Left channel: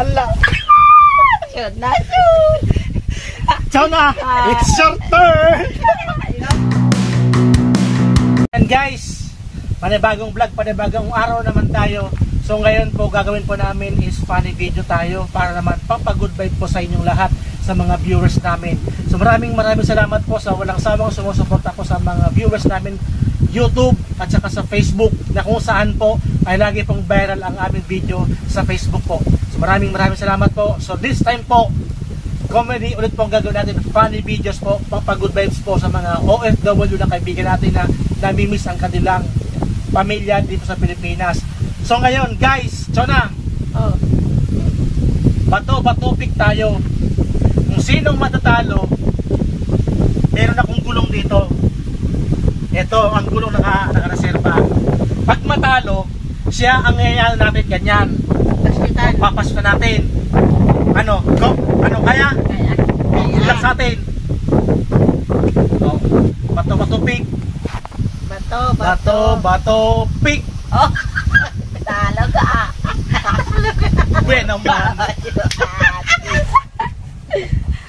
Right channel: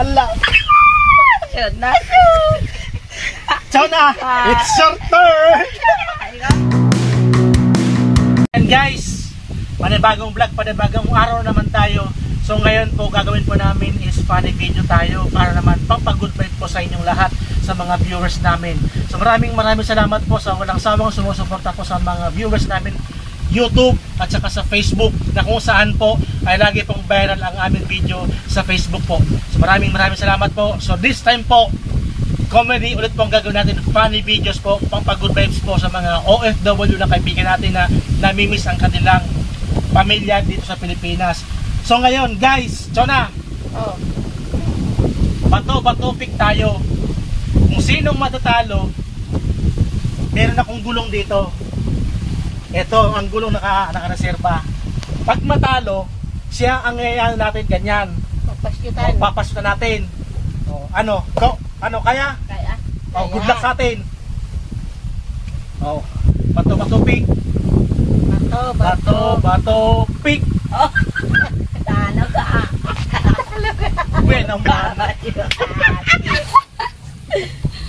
Ala. Sunod na. Chona, it's your turn. And guys, panibagong vlog, panibagong araw naman tayo. So ngayon po gagawin po namin is funny video tayo para naman pampag-good vibe po sa inyong lahat, sa mga viewers namin. So maraming salamat po sa walang sawang sumusuporta po sa mga viewers namin YouTube at saka sa Facebook, na kung saan po ay lagi pong viral ang aming video sa Facebook po. So maraming salamat po. So this time po, comedy ulit po ang gagawin natin, funny videos po, pampag-good vibes po sa mga OFW na kaibigan natin na namimiss ang kanilang pamilya dito sa Pilipinas. So ngayon guys, Chona, bato pick tayo. Kung sinong matatalo, meron akong gulong dito. Ito ang gulong naka-reserva. Pag matalo, siya ang ngayaan natin ganyan. Papasutan natin. Ano kaya? Good luck sa atin. Bato pick. Bato pick. Talo ka. Bueno man.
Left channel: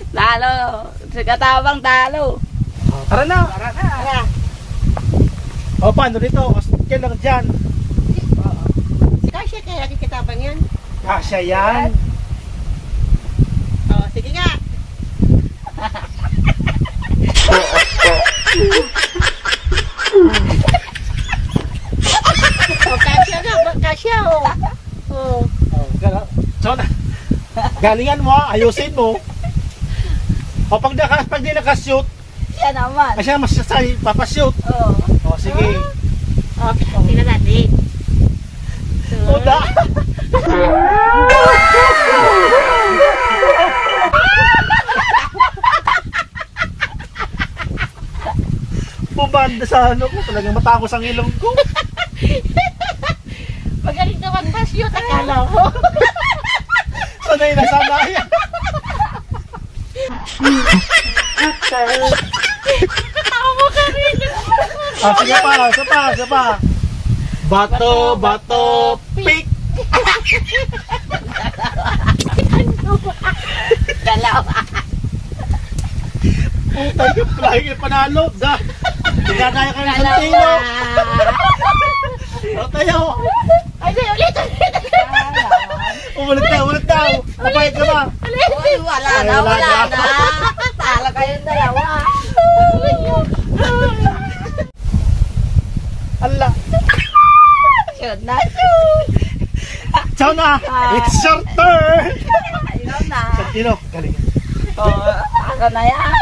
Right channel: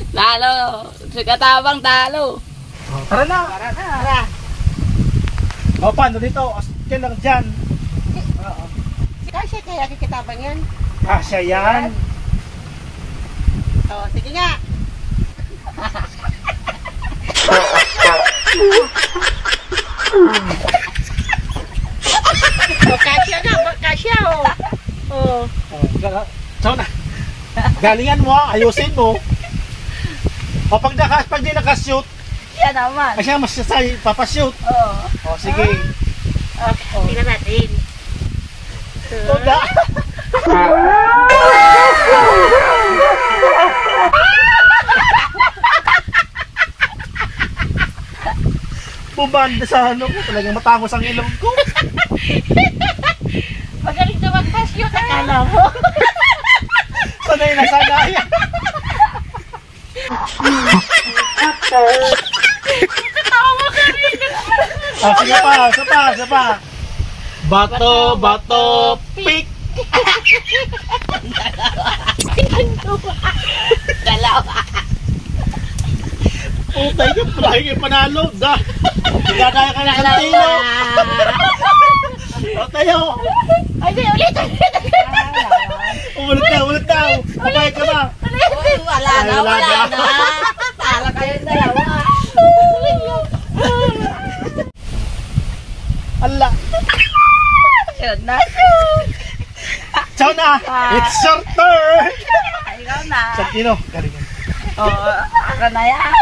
Talo. Katabang talo. Tara na. Paano dito? Yan lang dyan. Kasya kaya kikitabang yan? Kasya yan. Sige nga. Kasya nga, kasya So, galingan mo, ayusin mo. O pag di nakashoot, Yan naman. siya masasay, papashoot. O sige. Tingnan natin. Tuda. Bumanda sa ano ko, talagang matangos ang ilong ko. Magaling naman pa-shoot, akala mo. Sanay na sanay. Sige pa. Bato pick. Dalawa. Putay ka, palagi kayo panalo. Tigagaya ka ng santino. O tayo. Ay, ulit. Ulit daw. Papayag ka ba? Wala na. Tala kayong dalawa. Ala. Sunod na. Chona, it's your turn. Ikaw na. Santino, galing. Ako na yan.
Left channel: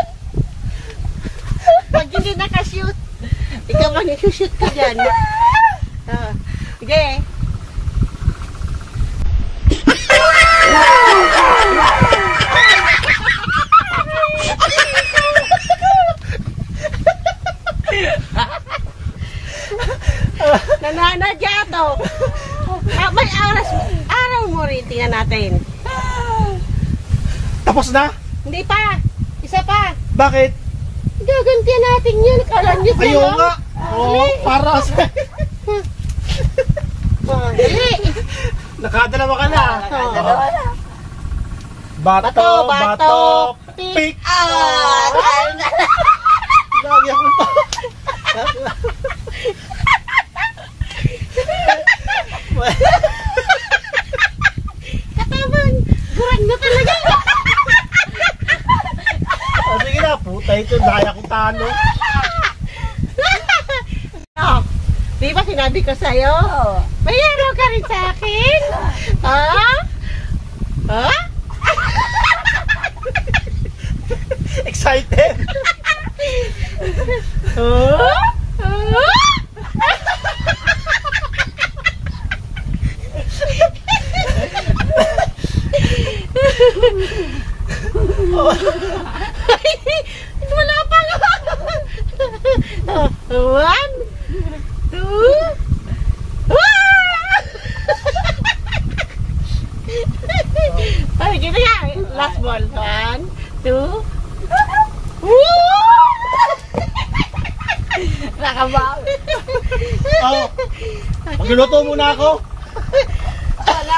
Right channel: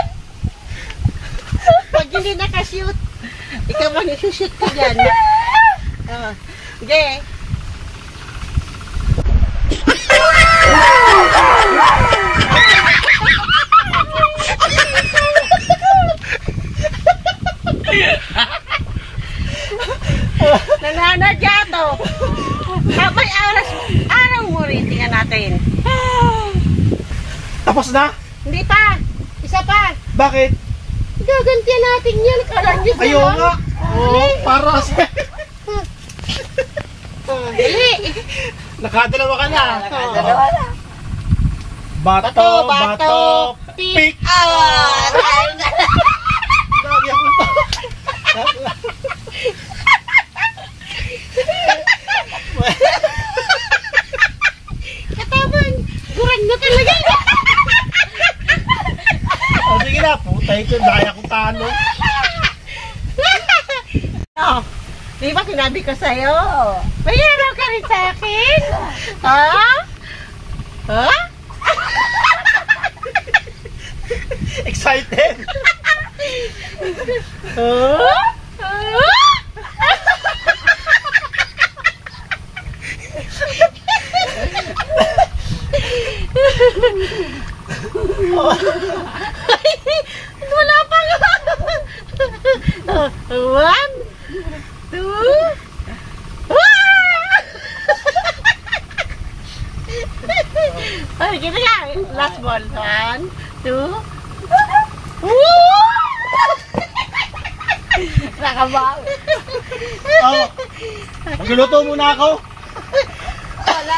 Pag hindi nakashoot, ikaw mo nasushoot ka dyan. Sige. Nananadya to. Habang araw mo rin, tingnan natin. Tapos na? Hindi pa. Isa pa. Bakit? Gagantihan natin yan. Kala nyo sila. Ayaw nga. Para sa... Dali. Nakadalawa ka na. Dalawa na. Bato pick. Lagi ako pa. Katawan. Gurang mo talaga. Sige na, putay ko. Daya kong talo. Di ba sinabi ko sa'yo? Mayroon ka rin sa akin? Ha? Excited. Wala pa nga. 1, 2, ay, gina nga. Last ball. 1, 2. Nakabawi. Magluluto muna ako. Wala.